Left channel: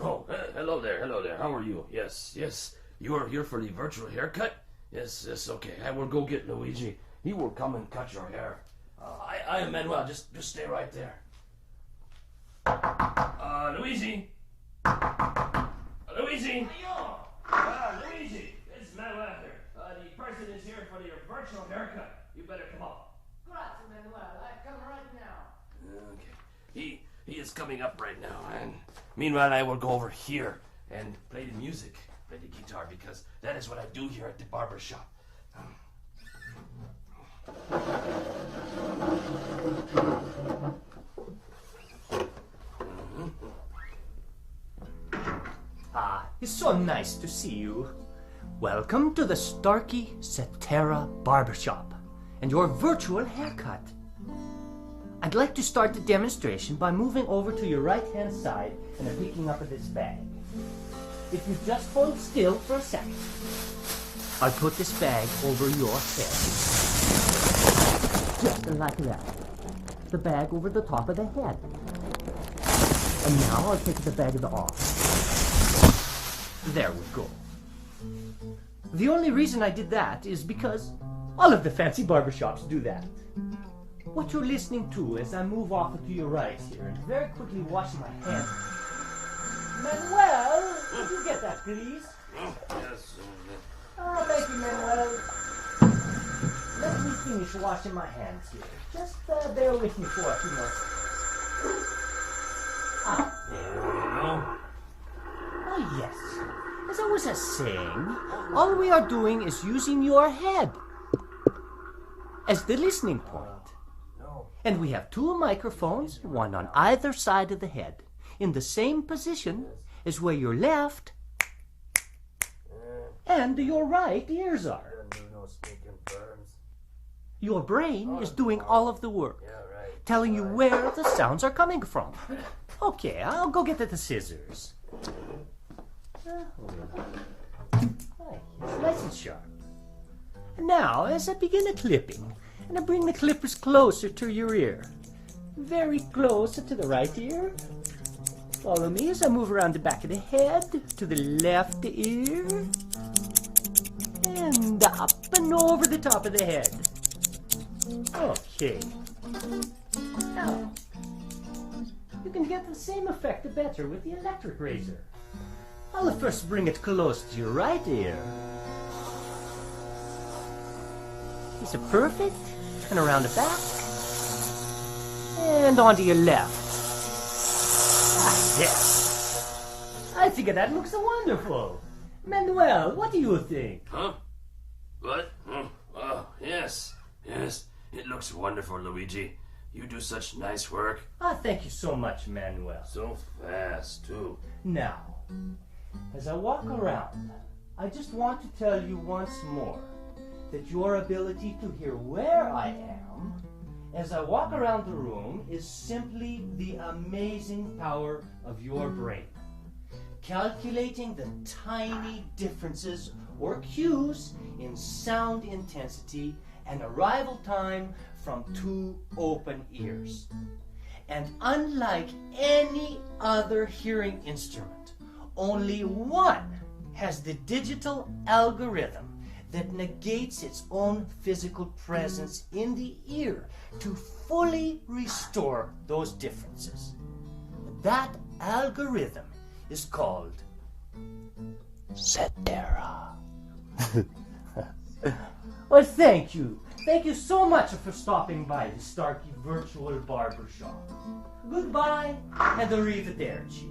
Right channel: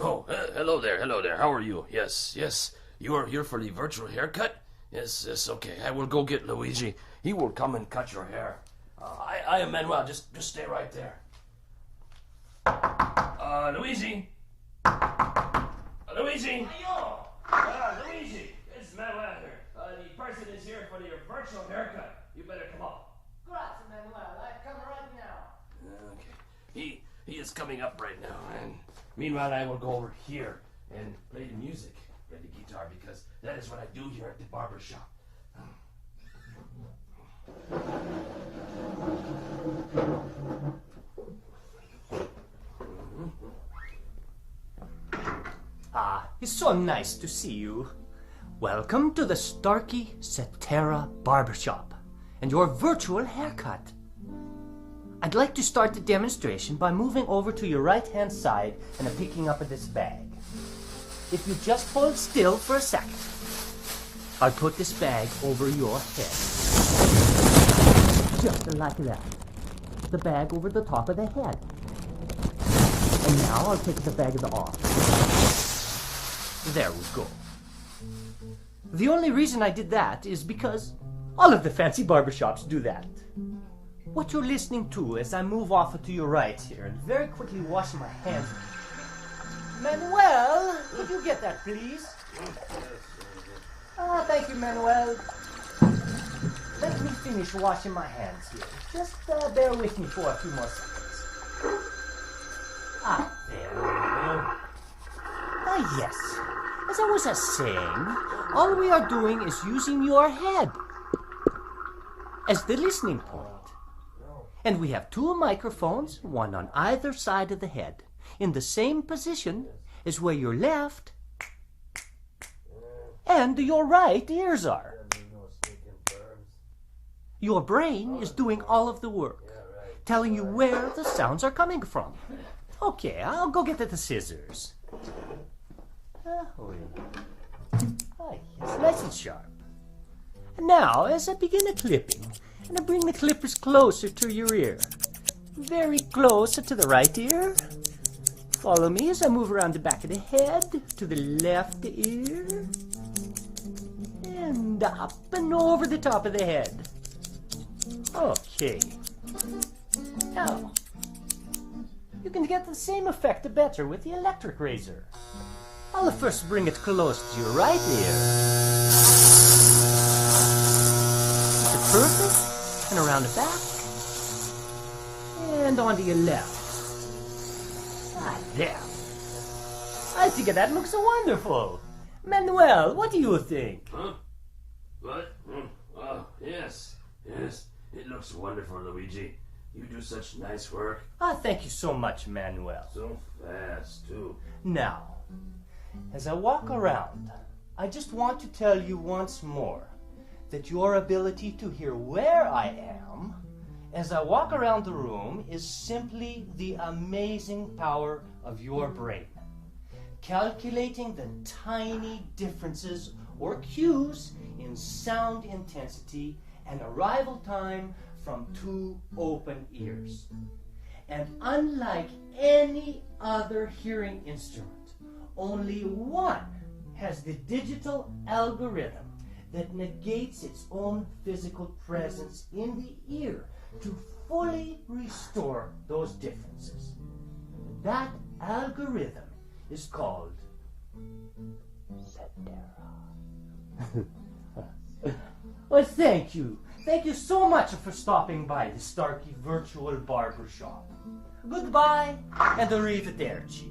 Oh, hello there. How are you? Yes. You're here for the virtual haircut? Yes, okay. I will go get Luigi. He will come and cut your hair. I am Manuel. Just stay right there. Luigi? Luigi? Luigi, it's Manuel here. The person is here for your virtual haircut. You better come up. Grazie, Manuel. I come right now. Okay. He is coming up right now, and meanwhile I will go over here and play the music, play the guitar, because that is what I do here at the barber shop. It's so nice to see you. Welcome to the Starkey Cetera Barbershop and your virtual haircut. I'd like to start the demonstration by moving over to your right-hand side and picking up this bag. If you just hold still for a second, I'll put this bag over your head. Just like that. The bag over the top of the head. And now I'll take the bag off. There we go. The only reason I did that is because all of the fancy barbershops do that. What you're listening to as I move off to your right here and very quickly wash my hands. Manuel, could you get that, please? Yes. Thank you, Manuel. Let me finish washing my hands here. Just bear with me for a few more seconds. There we go. Yes. As I was saying, all we are doing is using your head as the listening point. And we have two microphones, one on either side of the head, in the same position as where your left and your right ears are. Your brain is doing all of the work, telling you where the sounds are coming from. Okay, I'll go get the scissors. It's nice and sharp. Now, as I begin the clipping, and I bring the clippers closer to your ear, very close to the right ear. Follow me as I move around the back of the head to the left ear, and up and over the top of the head. Okay. Now, you can get the same effect better with the electric razor. I'll first bring it close to your right ear. Is it perfect? And around the back. And onto your left. There. I think that looks wonderful. Manuel, what do you think? Huh? What? Oh, yes. It looks wonderful, Luigi. You do such nice work. Thank you so much, Manuel. So fast, too. Now, as I walk around, I just want to tell you once more that your ability to hear where I am as I walk around the room is simply the amazing power of your brain. Calculating the tiny differences or cues in sound intensity and arrival time from two open ears. And unlike any other hearing instrument, only one has the digital algorithm that negates its own physical presence in the ear to fully restore those differences. That algorithm is called Cetera. Well, thank you. Thank you so much for stopping by the Starkey Virtual Barbershop. Goodbye and arrivederci.